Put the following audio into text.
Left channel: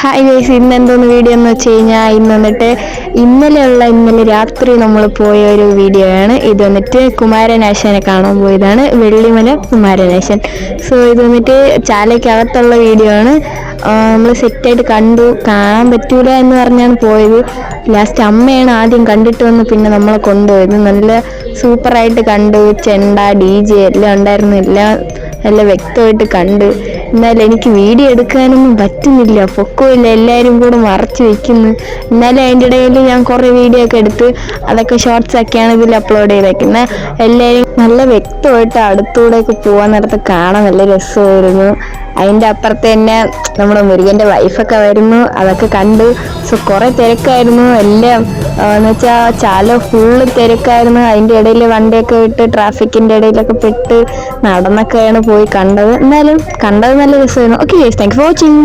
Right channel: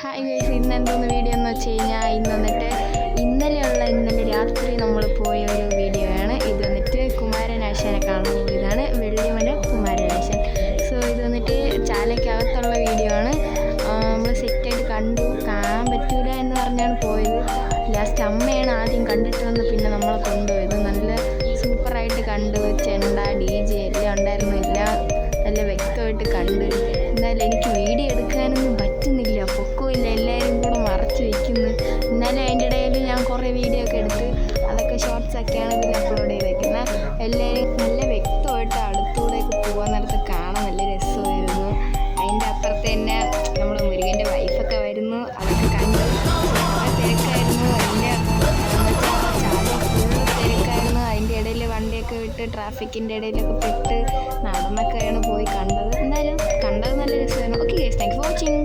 Hi guys, ഇന്ന് എന്തോന്ന് video എന്ന് വെച്ച് കഴിഞ്ഞാൽ ഇന്നലെ രാത്രി നമ്മൾ പോയ ഒരു വീഡിയോ ആണ്. ഇത് വന്നിട്ട് കുമാരനാശാനെ കാണാൻ പോയതാണ്, വെള്ളിമല കുമാരനാശൻ. സോ ഇത് വന്നിട്ട് ചാലയ്ക്കകത്തുള്ള വീഡിയോ ആണ്. നമ്മൾ സെറ്റായിട്ട് കാണാൻ പറ്റൂല എന്ന് പറഞ്ഞാണ് പോയത്. ലാസ്റ്റ് അമ്മയാണ് ആദ്യം കണ്ടിട്ട് വന്ന് പിന്നെ നമ്മളെ കൊണ്ടുപോയത്. നല്ല സൂപ്പറായിട്ട് കണ്ടു. ചെണ്ട DJ എല്ലാം ഉണ്ടായിരുന്നു, എല്ലാം നല്ല വ്യക്തമായിട്ട് കണ്ട്. എന്നാലും എനിക്ക് വീഡിയോ എടുക്കാനൊന്നും പറ്റുന്നില്ല, പൊക്കമില്ല, എല്ലാവരും കൂടെ മറച്ചു വെക്കുന്നു. എന്നാലും അതിൻ്റെ ഇടയിൽ ഞാൻ കുറേ വീഡിയോ ഒക്കെ എടുത്ത് അതൊക്കെ ഷോർട്സ് ഒക്കെയാണ് ഇതിൽ അപ്ലോഡ് ചെയ്തേക്കുന്നത്. എല്ലാവരും നല്ല വ്യക്തമായിട്ട് അടുത്തൂടെയൊക്കെ പോകാൻ നേരത്ത് കാണാൻ നല്ല രസമായിരുന്നു. അതിൻ്റെ അപ്പുറത്ത് തന്നെ നമ്മുടെ മുരുകൻ്റെ വൈഫൊക്കെ വരുന്നു, അതൊക്കെ കണ്ടു. സോ കുറേ തിരക്കായിരുന്നു എല്ലാം എന്ന് വെച്ചാൽ ചാല ഫുള്ള് തിരക്കായിരുന്നു. അതിൻ്റെ ഇടയിൽ വണ്ടിയൊക്കെ വിട്ട് ട്രാഫിക്കിൻ്റെ ഇടയിലൊക്കെ പെട്ട് നടന്നൊക്കെയാണ് പോയി കണ്ടത്. എന്നാലും കണ്ടത് നല്ല രസമായിരുന്നു. Okay, thank you for watching.